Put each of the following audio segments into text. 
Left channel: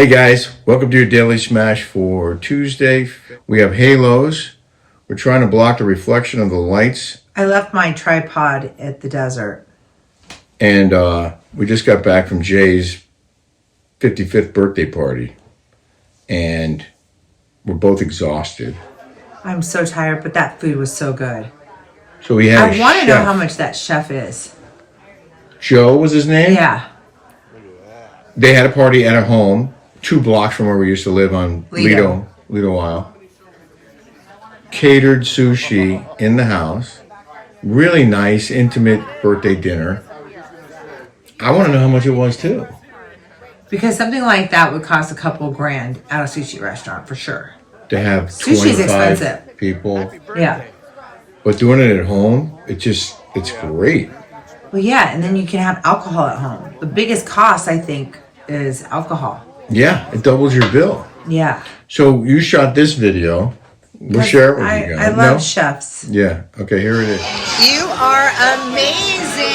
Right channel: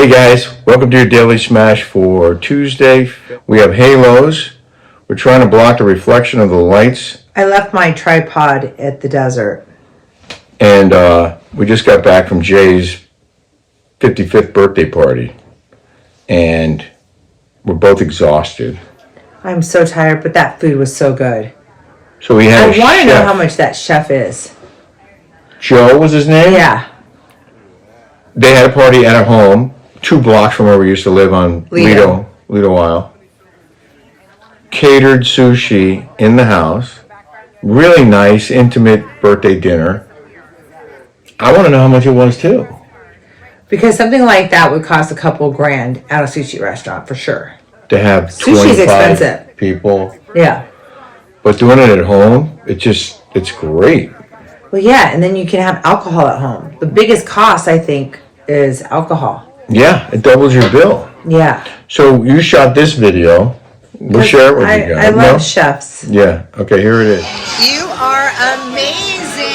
Hey guys, welcome to your Daily Smash for Tuesday. We have halos. We're trying to block the reflection of the lights. I left my tripod at the desert. And we just got back from Jay's 55th birthday party. And we're both exhausted. I'm so tired, but that food was so good. So we had I want to know how much that chef is. Joe was his name? Yeah. They had a party at a home, 2 blocks from where we used to live on Lido Isle. Catered sushi in the house. Really nice, intimate birthday dinner. I want to know how much it was too. Because something like that would cost a couple grand at a sushi restaurant for sure. To have Sushi's 25 expensive. people. Yeah. But doing it at home, it's great. Well, yeah, and then you can have alcohol at home. The biggest cost, I think, is alcohol. Yeah, it doubles your bill. Yeah. So you shot this video. We'll share it with you guys. I love chefs. Yeah. Okay, here it is. You are amazing.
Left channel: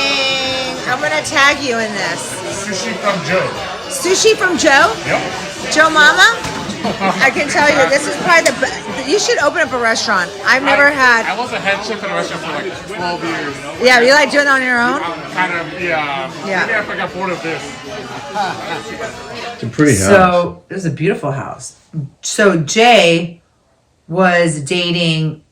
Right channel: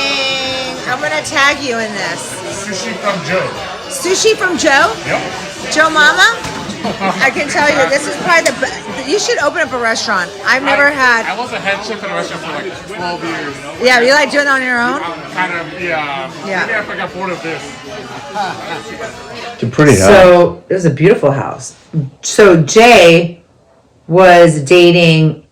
I'm going to tag you in this. Sushi from Joe. Sushi from Joe? Yep. Joe Mama? I can tell you, this is probably the best. You should open up a restaurant. I've never had. I was a head chef at a restaurant for like 12 years. Yeah, you like doing it on your own? Kind of, yeah. Yeah. Maybe I got bored of this. It's pretty high. So it was a beautiful house. So Jay was dating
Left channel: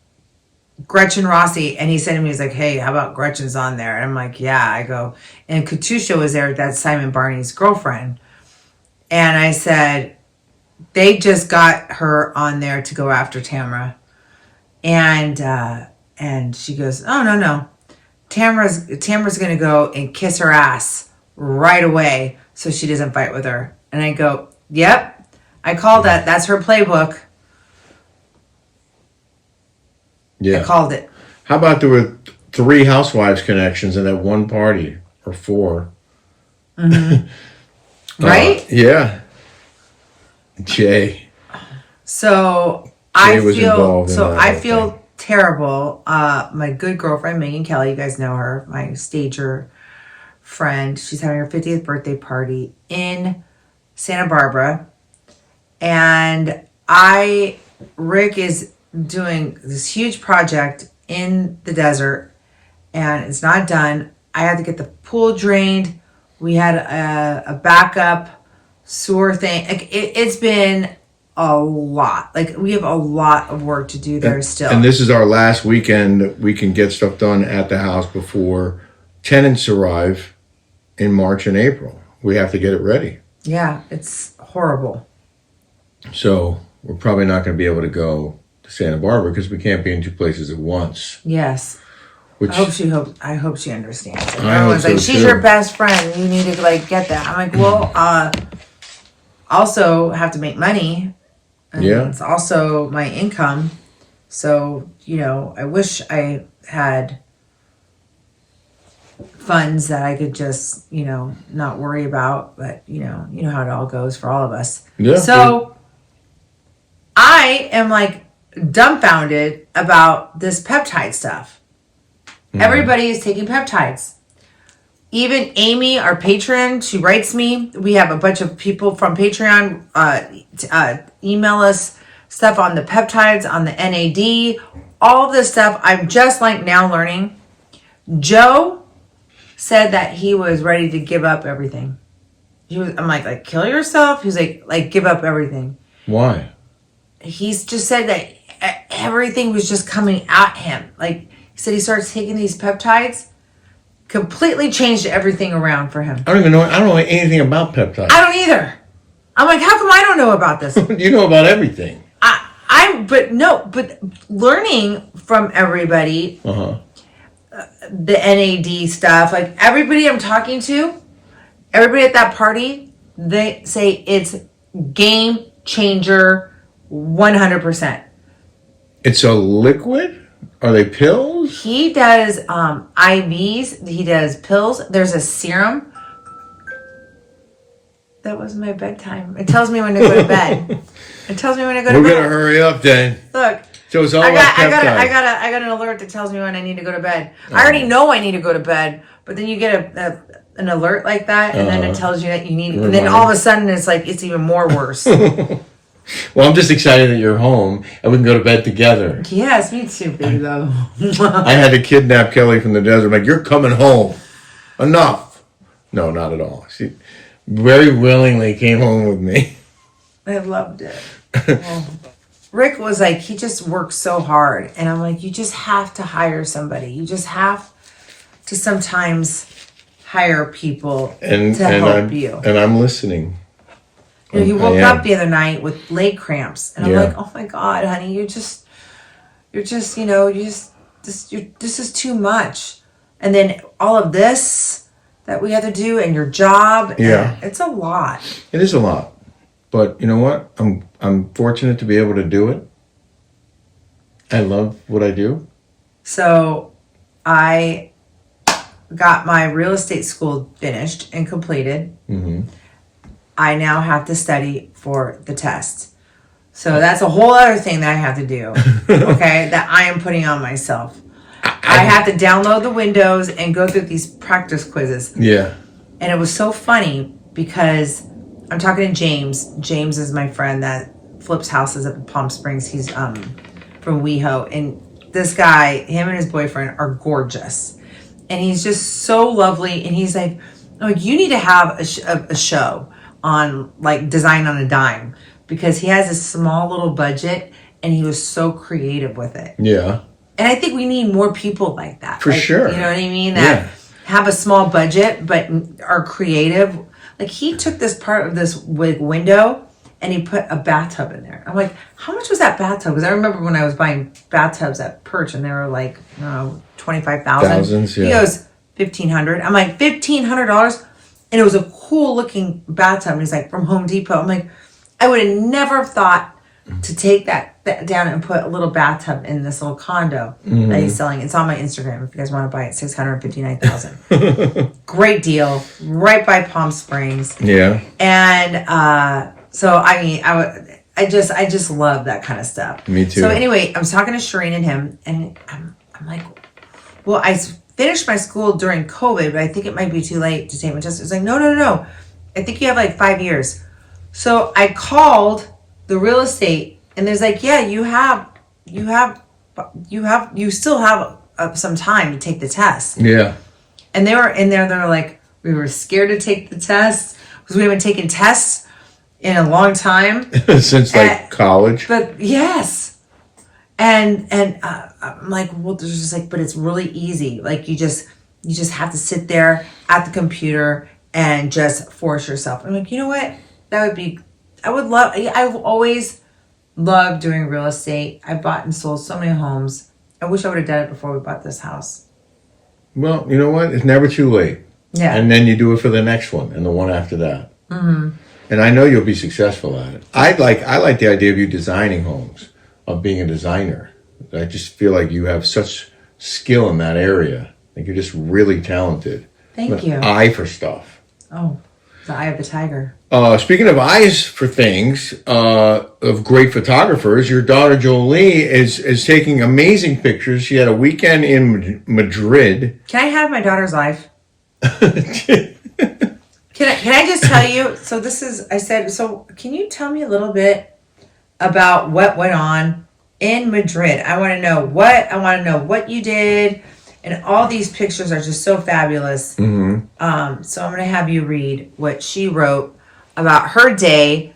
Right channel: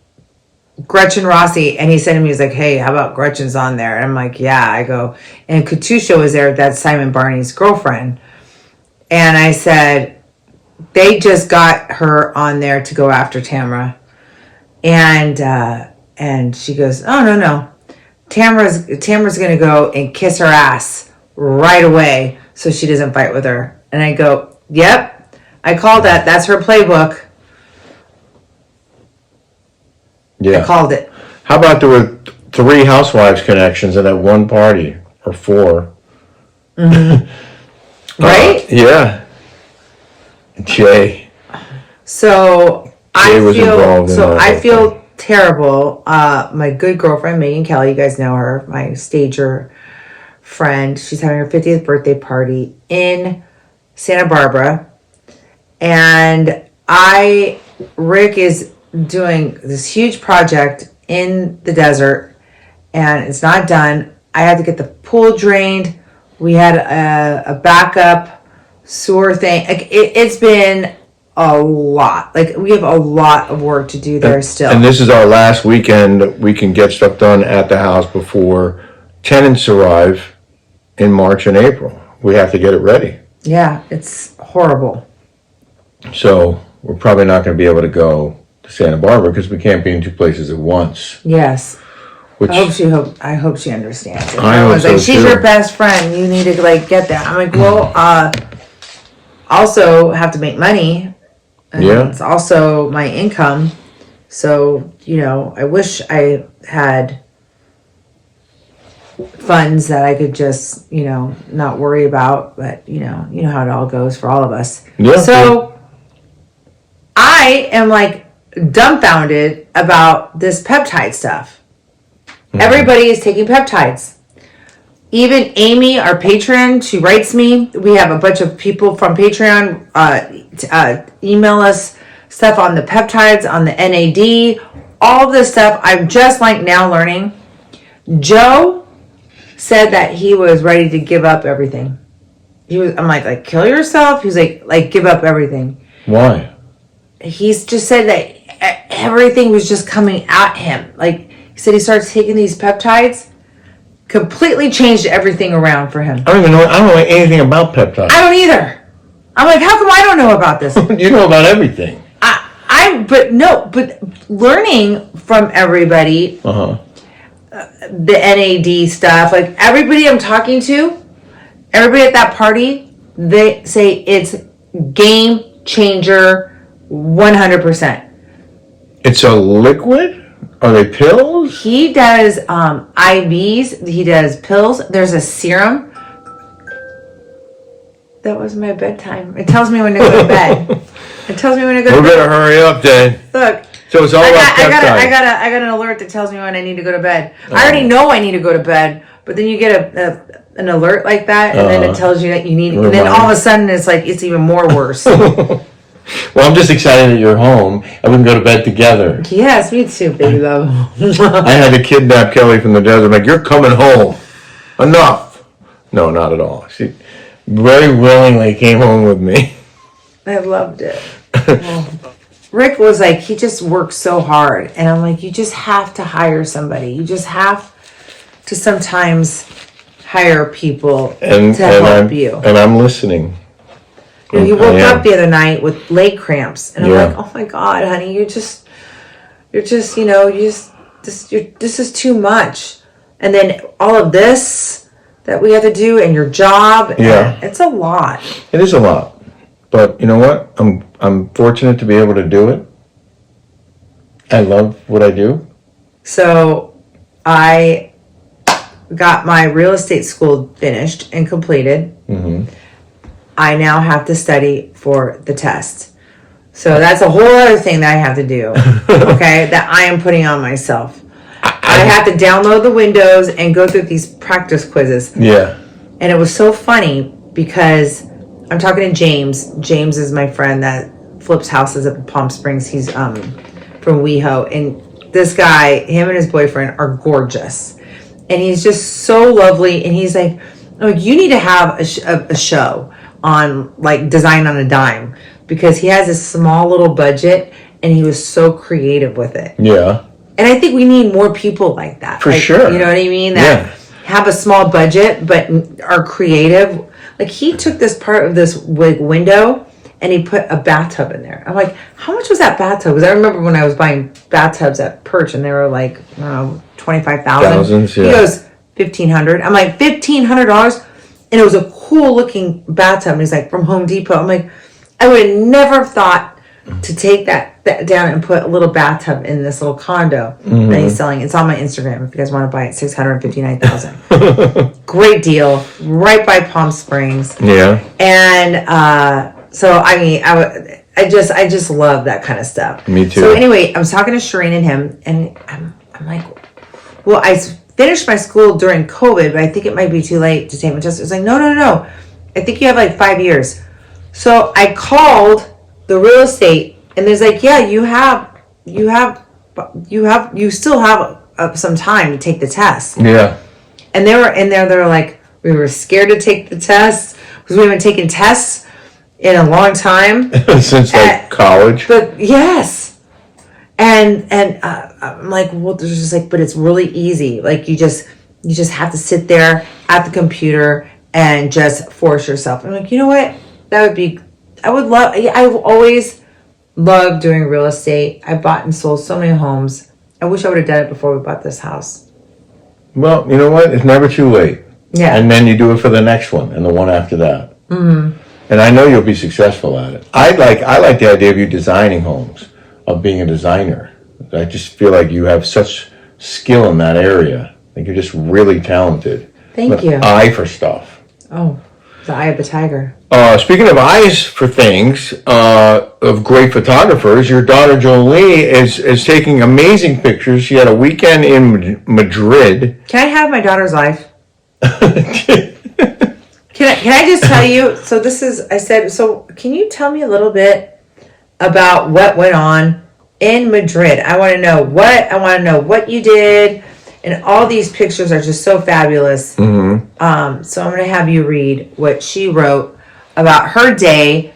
Gretchen Rossi, and he said to me, he's like, hey, how about Gretchen's on there? And I'm like, yeah. I go, and Katusha was there, that's Simon Barney's girlfriend. And I said, they just got her on there to go after Tamra. And she goes, oh, no. Tamra's going to go and kiss her ass right away so she doesn't fight with her. And I go, yep, I called that. That's her playbook. Yeah. I called it. How about there were 3 Housewives connections in that one party, or 4? Mm-hmm. Right? Yeah. Jay. So Jay was involved in that I whole feel thing. terrible. My good girlfriend Megan Kelly, you guys know her, my stager friend. She's having her 50th birthday party in Santa Barbara, and Rick is doing this huge project in the desert, and it's not done. I had to get the pool drained. We had a backup sewer thing. Like it's been a lot. Like we have a lot of work to do there still. And this is our last weekend. We can get stuff done at the house before tenants arrive in March and April. We have to get it ready. Yeah, it's horrible. So we're probably not going to be able to go to Santa Barbara because we can't be in 2 places at once. Yes. Which I hope she understands. Like, I hope everyone's like, so, she's too. your best friend. You need to like get that. I'm like, well, also have to make money. And Yeah. it's also my income. So, I wish I had funds that I could just, not worry about. But, you know how it all goes for all of us. Yeah. So I am like dumbfounded about this peptide stuff. Everybody is taking peptides. Even Amy, our patron, she writes me. We have a bunch of people from Patreon email us stuff on the peptides, on the NAD, all this stuff. I'm just like now learning. Joe said that he was ready to give up everything. I'm like kill yourself? He was like give up everything. Why? He's just said that everything was just coming at him. Like he said, he starts taking these peptides. Completely changed everything around for him. I don't know anything about peptides. I don't either. I'm like, how come I don't know about this? You know about everything. But learning from everybody, Uh-huh. the NAD stuff, like everybody I'm talking to, everybody at that party, they say it's game changer 100%. It's a liquid? Are they pills? He does IVs. He does pills. There's a serum. That was my bedtime. It tells me when to go to bed. It tells me when to go to We bed. better hurry up then. Look. So it's all about peptides. I got an alert that tells me when I need to go to bed. I already know I need to go to bed, but then you get an alert like that, and then it tells you that you need, and then Remind. all of a sudden it's like it's even more worse. Well, I'm just excited that you're home and we can go to bed together. Yes, me too, baby love. I had to kidnap Kelly from the desert. I'm like, you're coming home. Enough. No, not at all. She very willingly came home with me. I loved it. Well, Rick was like, he just works so hard, and I'm like, you just have to hire somebody. You just have to sometimes hire people And, to and help I'm, you. And I'm listening. You know, he woke I am. up the other night with leg cramps, and I'm Yeah. like, "Oh my God, honey, you're just, this is too much." And then all of this that we have to do, and your job, Yeah. and it's a lot. It is a lot. But you know what? I'm fortunate to be able to do it. I love what I do. So, I got my real estate school finished and completed. Mm-hmm. I now have to study for the test. So that's a whole other thing that I have to do. Okay, that I am putting on myself. I have to download the Windows and go through these practice quizzes. Yeah. And it was so funny because I'm talking to James. James is my friend that flips houses up in Palm Springs. He's from WeHo. And this guy, him and his boyfriend are gorgeous. And he's just so lovely. And he's like, oh, you need to have a show on like Design on a Dime, because he has a small little budget and he was so creative with it. Yeah. And I think we need more people like that. For like, sure. You know what I mean? That have a small budget but are creative. Like he took this part of this window and he put a bathtub in there. I'm like, how much was that bathtub? Because I remember when I was buying bathtubs at Perch and they were like, I don't know, $25,000. Thousands, yeah. He goes, $1,500. I'm like, $1,500? And it was a cool looking bathtub. And he's like, from Home Depot. I'm like, I would have never thought to take that down and put a little bathtub in this little condo that he's selling. It's on my Instagram if you guys want to buy it. $659,000. Great deal, right by Palm Springs. Yeah. And so I mean, I just love that kind of stuff. Me too. So anyway, I was talking to Shireen and him, and I'm like, well, I finished my school during COVID, but I think it might be too late to take my test. It's like, no. I think you have like 5 years. So I called the real estate, and there's like, yeah, you still have some time to take the test. Yeah. And they were in there. They were like, we were scared to take the test because we haven't taken tests in a long time. Since like college. But yes, and I'm like, well, there's just like, but it's really easy. Like you just have to sit there at the computer and just force yourself. I'm like, you know what? I've always loved doing real estate. I bought and sold so many homes. I wish I would have done it before we bought this house. Well, you know what? It's never too late. Yeah. And then you do it for the next one and the one after that. Mm-hmm. And I know you'll be successful at it. I like the idea of you designing homes, of being a designer. I just feel like you have such skill in that area. Like you're just really talented. Thank you. Eye for stuff. Oh, the eye of the tiger. Speaking of eyes for things, of great photographers, your daughter Jolie is taking amazing pictures. She had a weekend in Madrid. Can I have my daughter's life? Can I just tell you? So this is, I said, so can you tell me a little bit about what went on in Madrid? I want to know what you did, and all these pictures are just so fabulous. Mm-hmm. So I'm going to have you read what she wrote about her day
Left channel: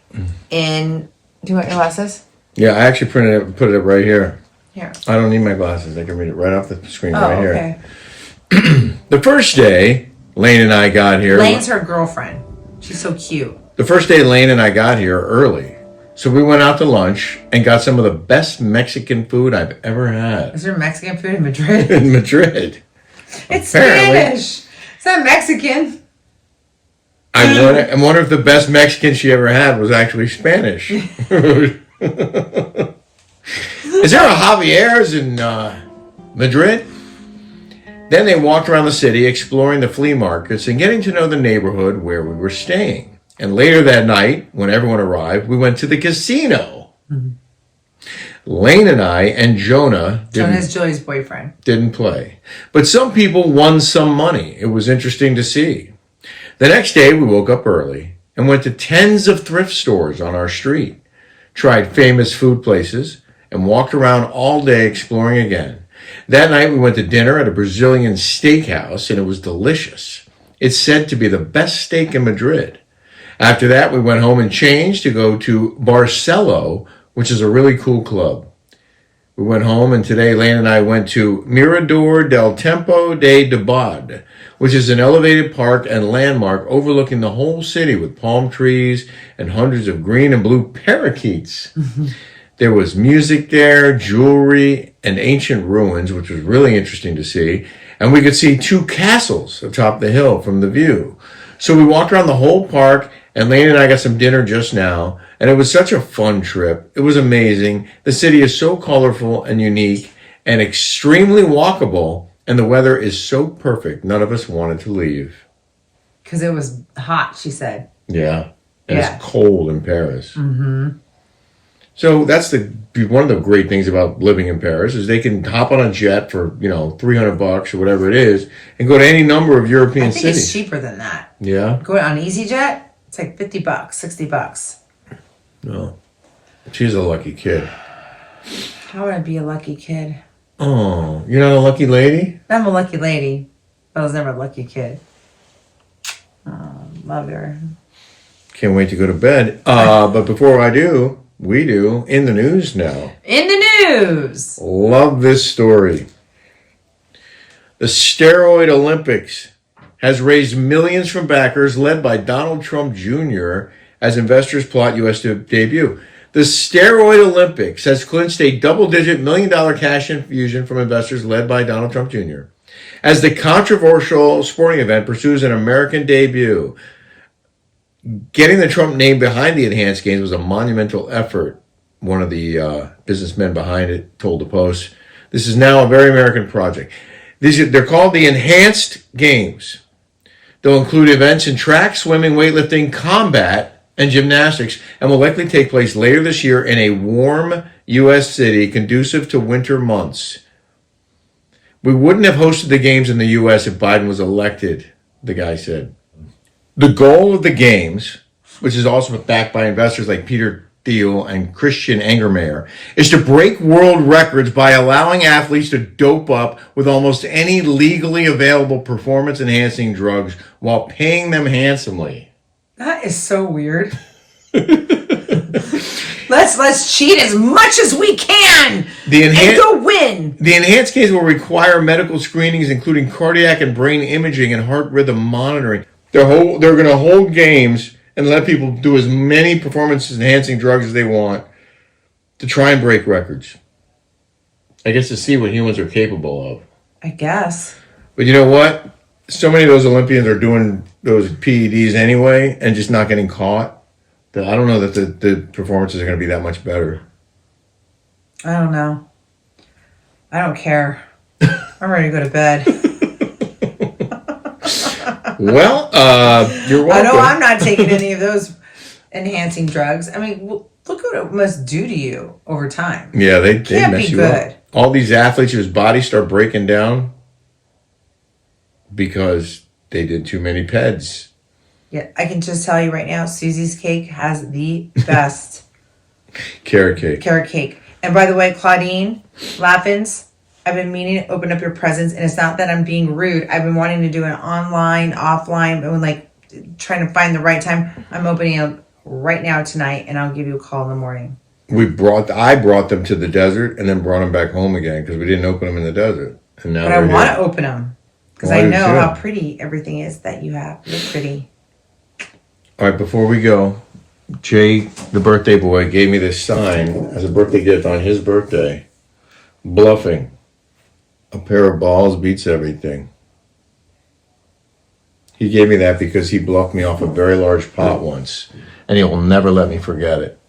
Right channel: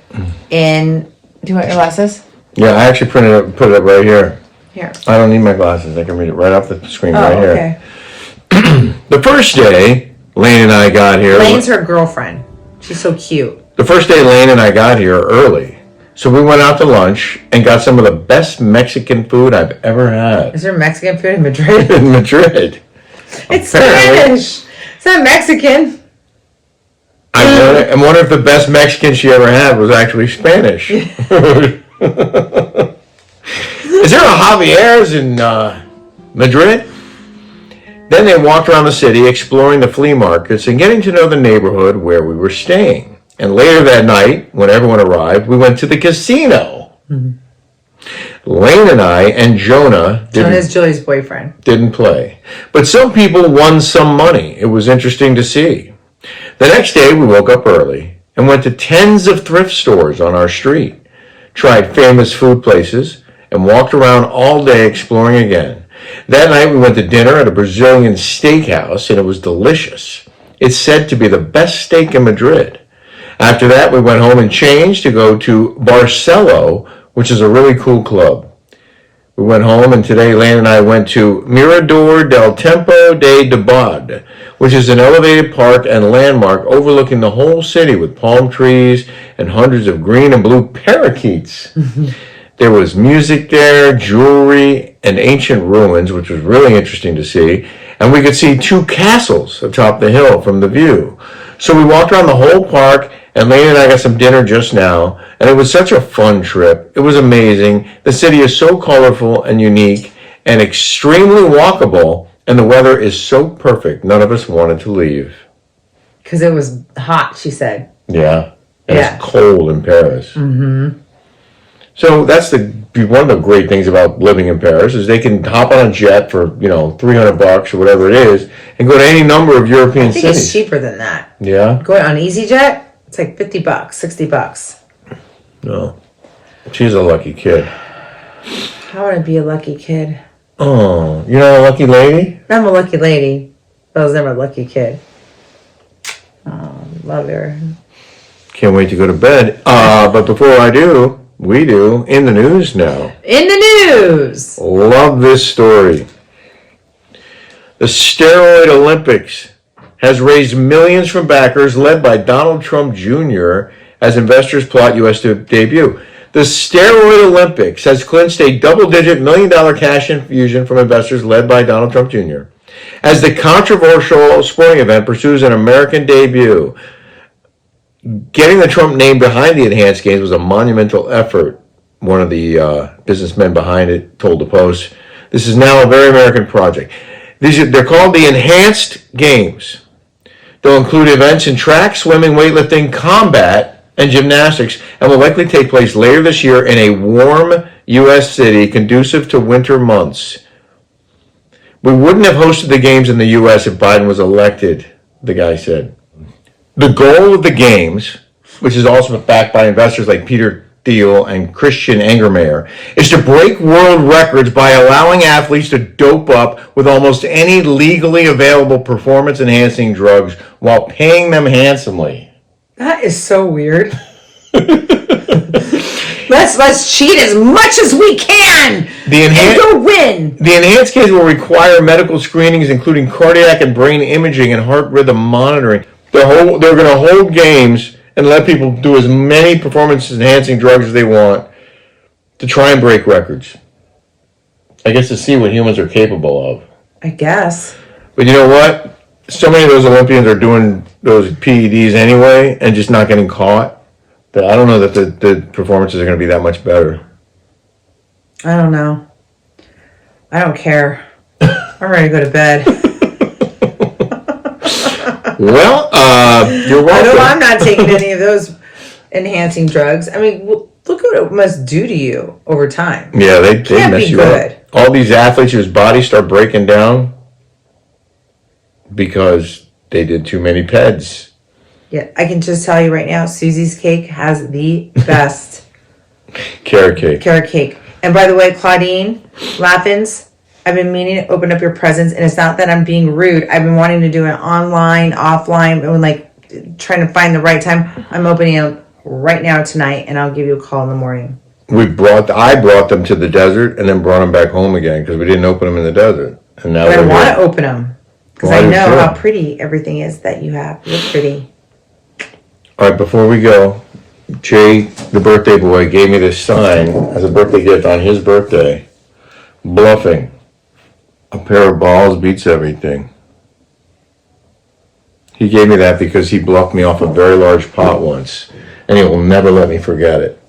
in. Do you want your glasses? Yeah, I actually put it up right here. Here. I don't need my glasses. I can read it right off the screen right here. Okay. The first day Lane and I got here. Lane's her girlfriend. She's so cute. The first day Lane and I got here early. So we went out to lunch and got some of the best Mexican food I've ever had. Is there Mexican food in Madrid? In Madrid. It's Apparently. Spanish. It's not Mexican. I wonder if the best Mexican she ever had was actually Spanish. Is there a Javier's in Madrid? Then they walked around the city, exploring the flea markets and getting to know the neighborhood where we were staying. And later that night, when everyone arrived, we went to the casino. Mm-hmm. Lane and I and Jonah Jonah's Julie's boyfriend. didn't play. But some people won some money. It was interesting to see. The next day, we woke up early and went to tens of thrift stores on our street, tried famous food places, and walked around all day exploring again. That night, we went to dinner at a Brazilian steakhouse, and it was delicious. It's said to be the best steak in Madrid. After that, we went home and changed to go to Barcelo, which is a really cool club. We went home, and today Lane and I went to Mirador del Tempo de Dodd, which is an elevated park and landmark overlooking the whole city with palm trees and hundreds of green and blue parakeets. There was music there, jewelry, and ancient ruins, which was really interesting to see. And we could see 2 castles atop the hill from the view. So we walked around the whole park, and Lane and I got some dinner just now, and it was such a fun trip. It was amazing. The city is so colorful and unique and extremely walkable, and the weather is so perfect. None of us wanted to leave. Because it was hot, she said. Yeah. And Yeah. it's cold in Paris. Mm-hmm. So that's one of the great things about living in Paris is they can hop on a jet for, $300 or whatever it is and go to any number of European I think cities. it's cheaper than that. Yeah? Going on EasyJet, it's like $50, $60. No. She's a lucky kid. How would I be a lucky kid? Oh, you're not a lucky lady? I'm a lucky lady. I was never a lucky kid. Oh, love her. Can't wait to go to bed. But before I do, we do in the news now. In the news. Love this story. The Steroid Olympics has raised millions from backers led by Donald Trump Jr. as investors plot U.S. debut. The Steroid Olympics has clinched a double-digit million-dollar cash infusion from investors led by Donald Trump Jr. as the controversial sporting event pursues an American debut. Getting the Trump name behind the enhanced games was a monumental effort, one of the businessmen behind it told the Post. This is now a very American project. They're called the Enhanced Games. They'll include events in track, swimming, weightlifting, combat, and gymnastics, and will likely take place later this year in a warm U.S. city conducive to winter months. We wouldn't have hosted the games in the U.S. if Biden was elected, the guy said. The goal of the games, which is also backed by investors like Peter Thiel and Christian Angermayer, is to break world records by allowing athletes to dope up with almost any legally available performance-enhancing drugs while paying them handsomely. That is so weird. Let's cheat as much as we can and go win. The enhanced case will require medical screenings, including cardiac and brain imaging and heart rhythm monitoring. They're going to hold games and let people do as many performance-enhancing drugs as they want to try and break records. I guess to see what humans are capable of. I guess. But you know what? So many of those Olympians are doing those PEDs anyway and just not getting caught that I don't know that the performances are going to be that much better. I don't know. I don't care. I'm ready to go to bed. Well, you're welcome. I know I'm not taking any of those enhancing drugs. I mean, look what it must do to you over time. Yeah, they Can't mess be you good. up. All these athletes whose bodies start breaking down because they did too many PEDs. Yeah, I can just tell you right now, Susie's Cake has the best Carrot cake. carrot cake. And by the way, Claudine Laffins, I've been meaning to open up your presents, and it's not that I'm being rude. I've been wanting to do it online, offline, and like trying to find the right time. I'm opening them right now tonight, and I'll give you a call in the morning. I brought them to the desert and then brought them back home again because we didn't open them in the desert. And now But I they're want here. to open them because Well, I I do know too. how pretty everything is that you have. You're pretty. All right, before we go, Jay, the birthday boy, gave me this sign as a birthday gift on his birthday. Bluffing. A pair of balls beats everything. He gave me that because he bluffed me off a very large pot once, and he will never let me forget it.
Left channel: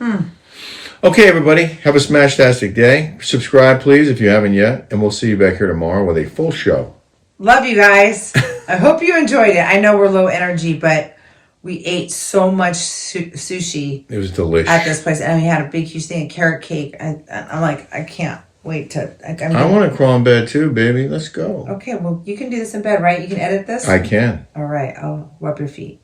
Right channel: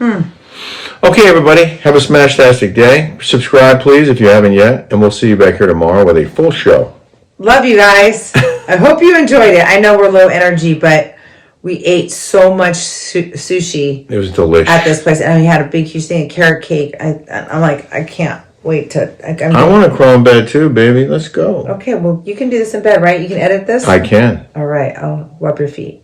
Okay, everybody, have a smash-tastic day. Subscribe, please, if you haven't yet, and we'll see you back here tomorrow with a full show. Love you guys. I hope you enjoyed it. I know we're low energy, but we ate so much sushi It was delicious. at this place, and we had a big, huge thing of carrot cake. I'm like, I can't wait to. I want to crawl in bed too, baby. Let's go. Okay, well, you can do this in bed, right? You can edit this? I can. All right, I'll rub your feet.